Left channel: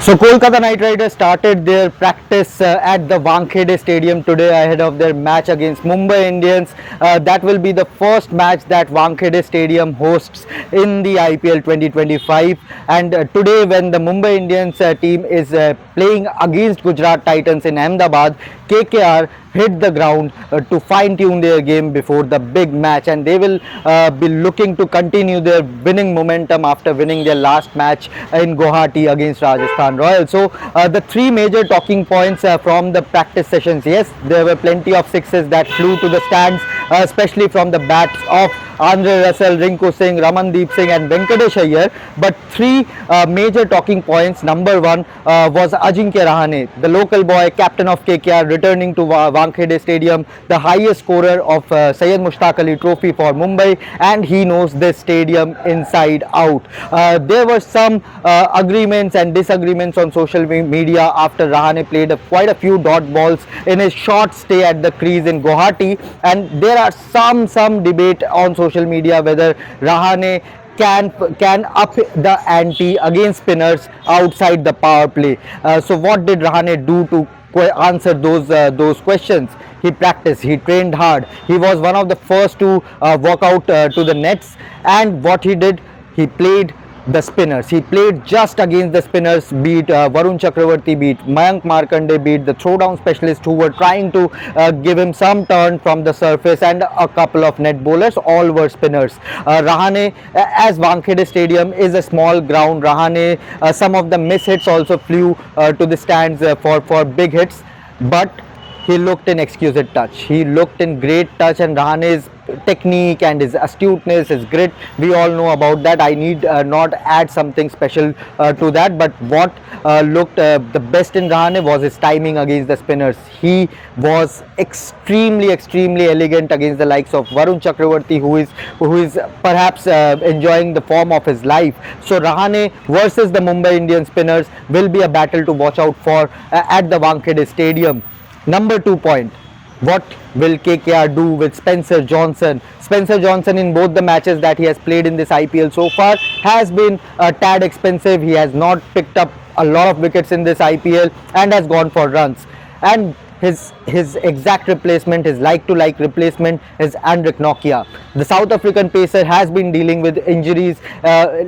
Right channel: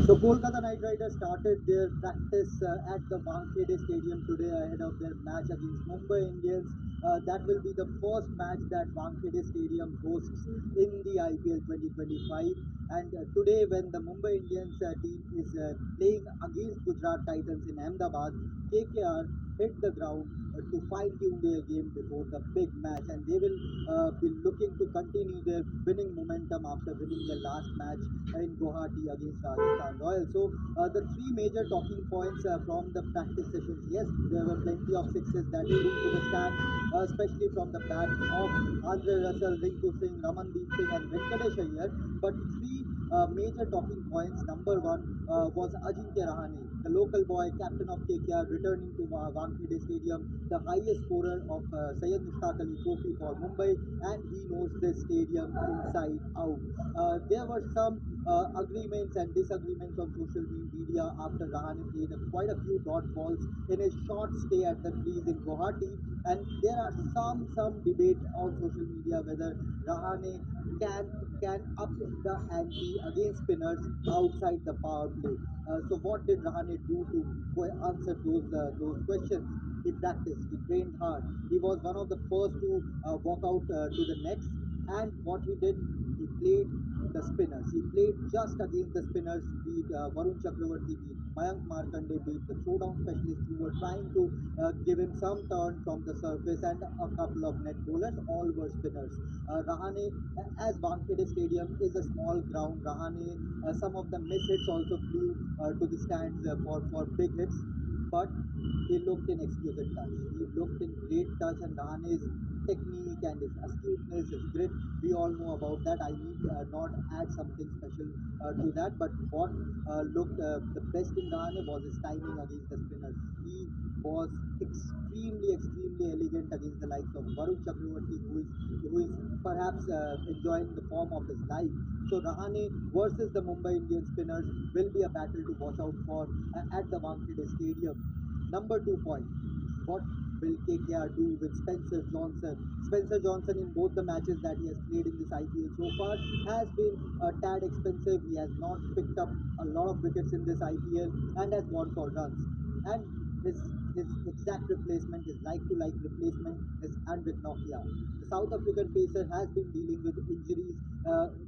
So Kolkata Knight Riders started their practice at the Wankhede Stadium today ahead of their match against Mumbai Indians. That will be the first match that Wankhede Stadium hosts in the IPL 2025. And today, when the Mumbai Indians team is playing against Gujarat Titans in Ahmedabad, KKR hit the ground to fine tune their game before the big match, and they will be looking to continue their winning momentum after winning their last match in Guwahati against Rajasthan Royals. So the three major talking points from the practice sessions: yes, there were plenty of sixes that flew to the stands, especially from the bats of Andre Russell, Rinku Singh, Ramandeep Singh and Venkatesh Iyer. But three major talking points. Number one was Ajinkya Rahane, the local boy, captain of KKR, returning to Wankhede Stadium, the highest scorer of Syed Mushtaq Ali Trophy for Mumbai, and he knows this stadium inside out. There were some agreements and disagreements on social media after Rahane played quite a few dot balls in his short stay at the crease in Guwahati, and there are some debate on social media whether Rahane can up the ante against spinners outside the power play. So what did Rahane do to answer those questions? He practiced, he trained hard, he was one of the first to walk out to the nets, and what he did, he played the spinners. He played just against the spinners, beat Varun Chakravarti, beat Mayank Markande, beat the throwdown specialists who were trying to give him some turn from the surface, and a couple of net bowlers, all were spinners. Rahane, as Wankhede Stadium is a small ground, Rahane, some of the miss hits also flew to the stands for big hits, but he looked in exquisite touch. He looked in great touch, and Rahane's technique and his astuteness, his grit, we all know about that. I need not add something special to that. But what looked the best in Rahane was his timing against the spinners. He was extremely elegant against the likes of Varun Chakravarti, who is perhaps enjoying the form of his life. So Rahane versus the Mumbai Indian spinners will be a battle to watch out for at the Wankhede Stadium. Number 2 point, what will KKR do with Spencer Johnson? Spencer Johnson, in both the matches that he has played in this IPL so far, has been a tad expensive. He has not picked up a lot of wickets in this IPL and has gone for runs. And his exact replacement, his like-to-like replacement is Andrik Nokia. The South African pacer has been dealing with injuries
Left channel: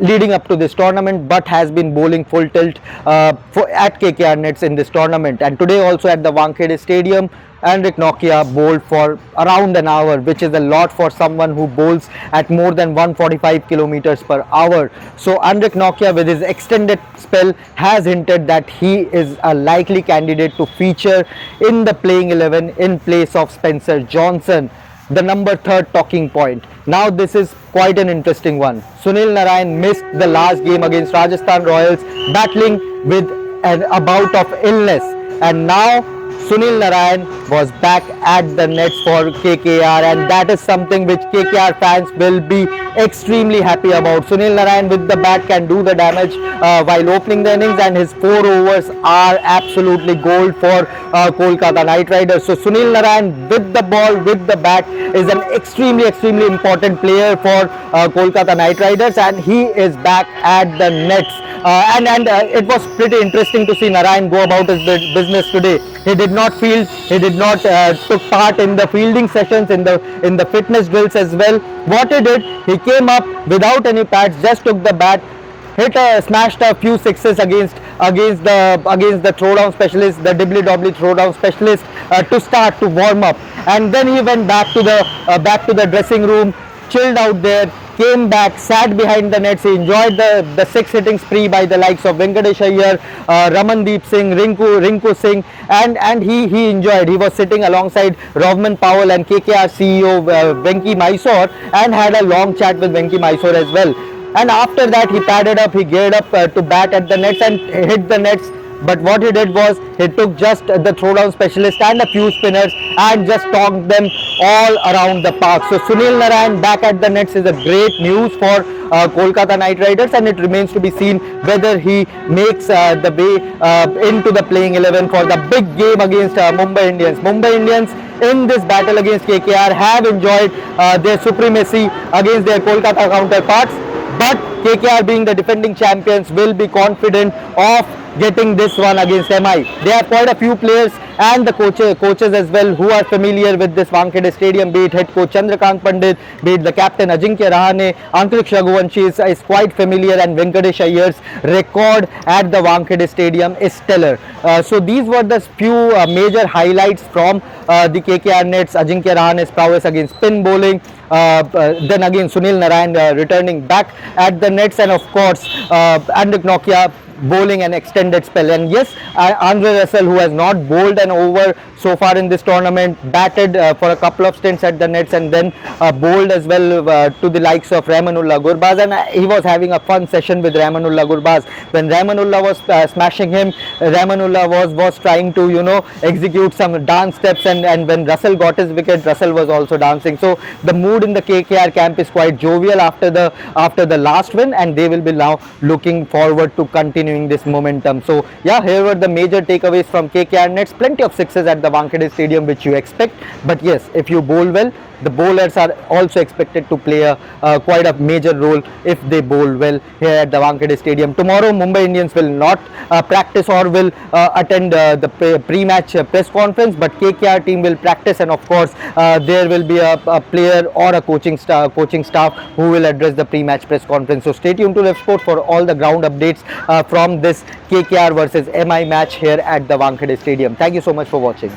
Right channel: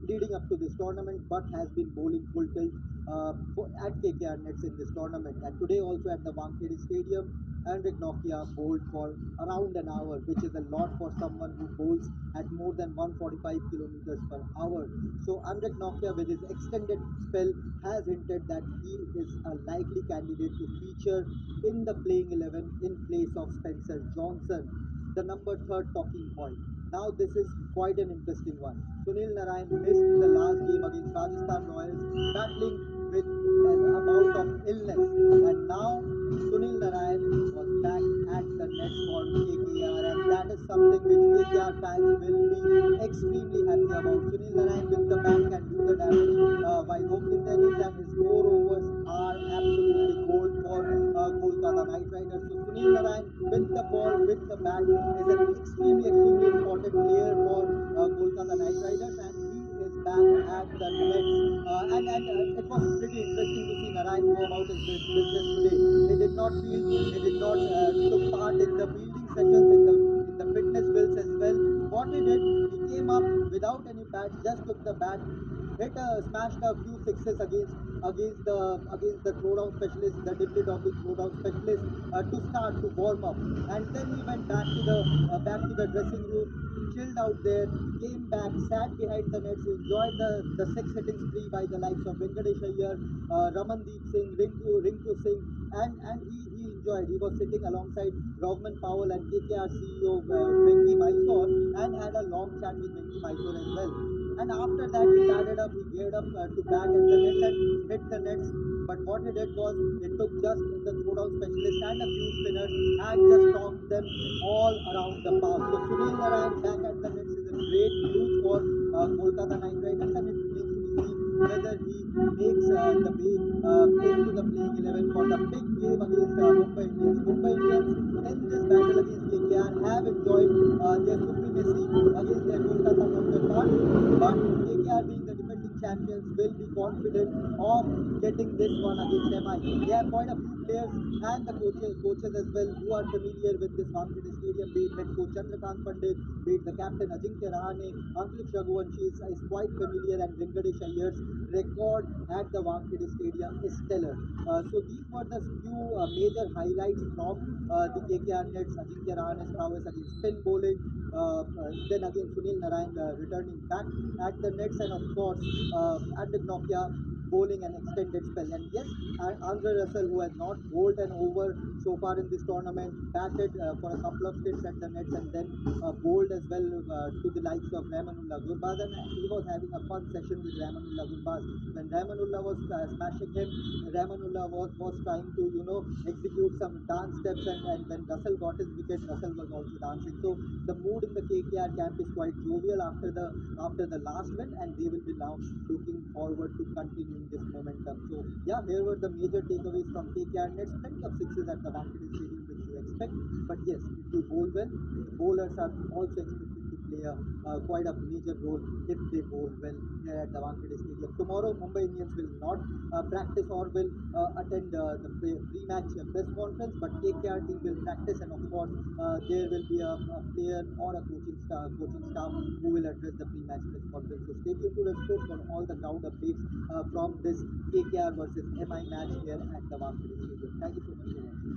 leading up to this tournament, but has been bowling full tilt at KKR nets in this tournament. And today also at the Wankhede Stadium, Andrik Nokia bowled for around an hour, which is a lot for someone who bowls at more than 145 kilometers per hour. So Andrik Nokia, with his extended spell, has hinted that he is a likely candidate to feature in the playing 11 in place of Spencer Johnson. The number 3 talking point. Now this is quite an interesting one. Sunil Narine missed the last game against Rajasthan Royals, battling with a bout of illness, and now Sunil Narine was back at the nets for KKR, and that is something which KKR fans will be extremely happy about. Sunil Narine with the bat can do the damage while opening the innings, and his 4 overs are absolutely gold for Kolkata Knight Riders. So Sunil Narine with the ball, with the bat, is an extremely important player for Kolkata Knight Riders, and he is back at the nets. It was pretty interesting to see Narine go about his business today. He did not field, he did not took part in the fielding sessions, in the fitness drills as well. What he did, he came up without any pads, just took the bat, smashed a few sixes against the throwdown specialist, the dibbly-dobbly throwdown specialist, to warm up, and then he went back to the dressing room, chilled out there, came back, sat behind the nets. He enjoyed the 6 hitting spree by the likes of Venkatesh Iyer, Ramandeep Singh, Rinku Singh, and he enjoyed. He was sitting alongside Rovman Powell and KKR CEO Venki Mysore, and had a long chat with Venki Mysore as well. And after that, he padded up, he geared up to bat at the nets and hit the nets. But what he did was, he took just the throwdown specialist and a few spinners and just tossed them all around the park. So Sunil Narine back at the nets is a great news for Kolkata Knight Riders, and it remains to be seen whether he makes the way into the playing 11 for the big game against Mumbai Indians. Mumbai Indians in this battle against KKR have enjoyed their supremacy against their Kolkata counterparts. But KKR, being the defending champions, will be confident of getting this one against MI. They have quite a few players and the coaches as well who are familiar with this Wankhede Stadium, be it head coach Chandrakant Pandit, be it the captain Ajinkya Rahane, Antriksh Raghuvanshi is quite familiar, and Venkatesh Iyengar's record at the Wankhede Stadium is stellar. So these were the few major highlights from the KKR nets. Ajinkya Rahane's prowess against spin bowling, then again Sunil Narine returning back at the nets, and of course Andrik Nokia bowling an extended spell. And yes, Andre Russell, who has not bowled an over so far in this tournament, batted for a couple of stints at the nets and then bowled as well to the likes of Rahmanullah Gurbaz, and he was having a fun session with Rahmanullah Gurbaz. When Rahmanullah was smashing him, Rahmanullah was trying to, you know, execute some dance steps, and when Russell got his wicket, Russell was also dancing. So the mood in the KKR camp is quite jovial after the last win, and they will be now looking forward to continuing this momentum. So yeah, here were the major takeaways from KKR nets. Plenty of sixes at the Wankhede Stadium, which you expect, but yes, if you bowl well, the bowlers are also expected to play quite a major role if they bowl well here at the Wankhede Stadium. Tomorrow Mumbai Indians will not practice or will attend the pre-match press conference, but KKR team will practice, and of course there will be a player or a coaching staff who will address the pre-match press conference. So stay tuned to Revsportz for all the ground updates from this KKR versus MI match here at the Wankhede Stadium. Thank you so much for watching.